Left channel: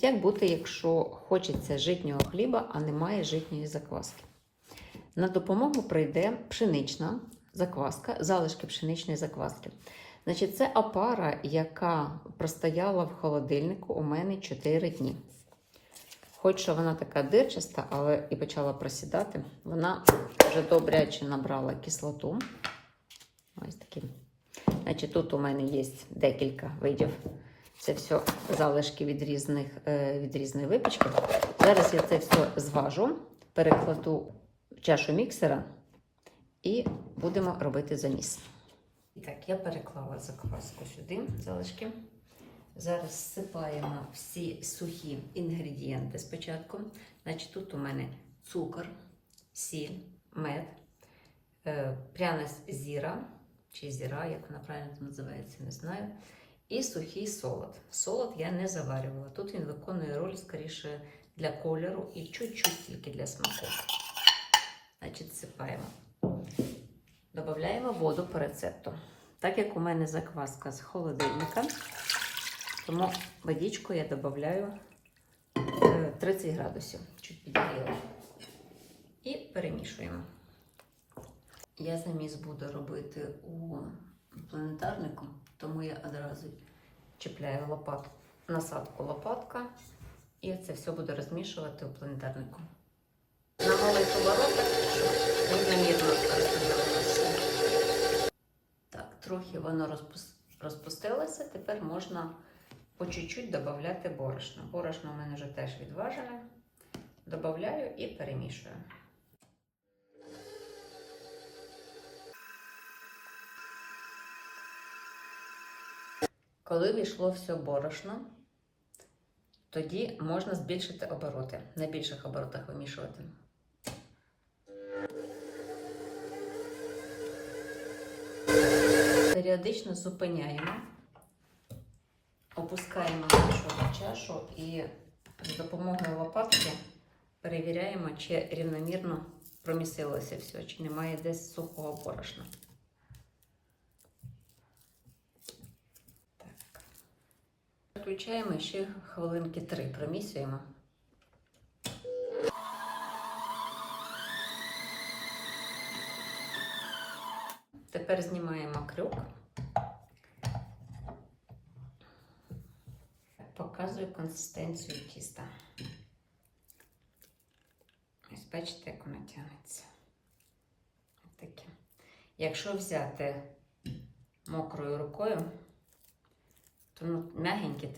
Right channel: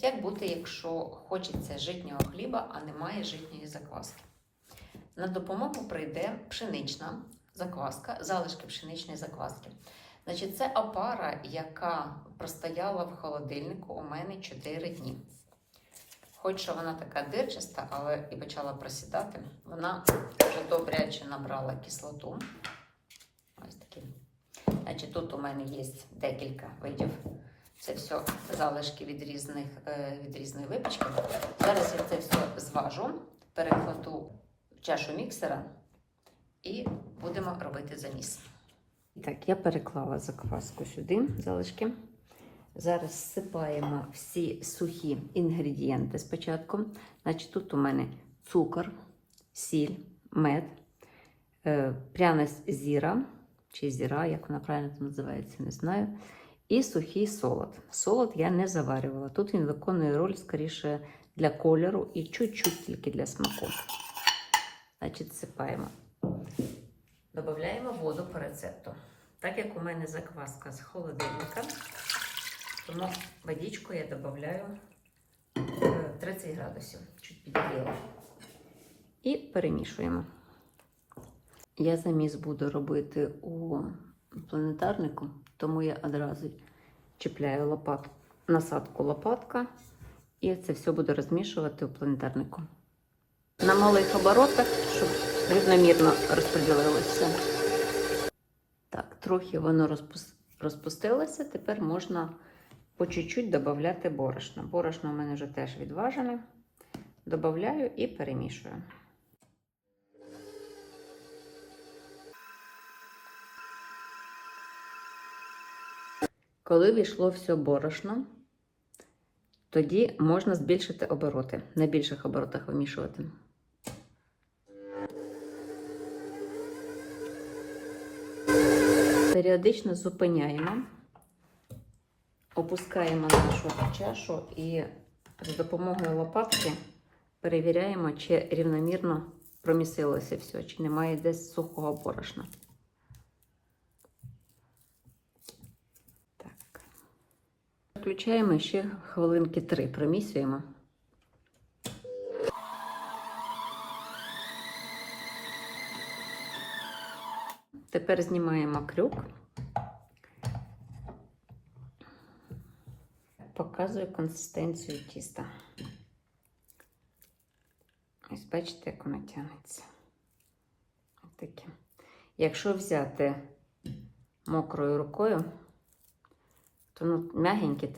Значить, як бути, якщо хочеться житнього хліба, а немає житньої закваски? На допомогу прийде пшенична закваска, залишки пшеничної закваски. Значить, це опара, яка простояла в холодильнику у мене 4 дні. Хоч що вона така дирчаста, але і почала просідати, вона вже добряче набрала кислоту. Ось такі. Значить, тут у мене є декілька видів. Це все залишки від різних е, від різної випічки. Зараз я це все зважу, перекладу в чашу міксера і будемо робити заміс. І так, я переклала закваску сюди, залишки. Зараз всипаємо всі сухі інгредієнти спочатку. Значить, тут у мене цукор, сіль, мед, е, пряна зіра, чи зіра, як вона правильно називається, не знаю. І сухий солод. Солод я не заварювала. Тут він виконує роль скоріше для кольору і чуть-чуть тільки для смаку. Значить, всипаємо. Додаємо воду по рецепту. Так як у мене закваска з холодильника, тому водичку я додаю 30 градусів, чуть підігріла. І перемішуємо. Я заміс буду робити у планетарнику, тому я одразу чіпляю лопат, насадку лопатка і це все буду розмішувати у планетарнику. На малих оборотах, щоб рівномірно розподілилося. Так, трохи воно розпус- розпустилося. Тепер можна по чуть-чуть додати борошно. Борошно у мене вже теж відважене. Добавляю і перемішую. Коли війшло все борошно, тоді можна збільшити обороти, на більших оборотах вимішувати. Періодично зупиняємо, опускаємо нашу чашу і з допомогою лопатки перевіряємо, чи рівномірно промісилося все, чи немає десь сухого борошна. Включаємо ще хвилинки три, промісюємо. Тепер знімаємо крюк. Показую консистенцію тіста. Ось бачите, як воно тягнеться. Таке. Якщо взяти мокрою рукою, то ну, м'ягеньке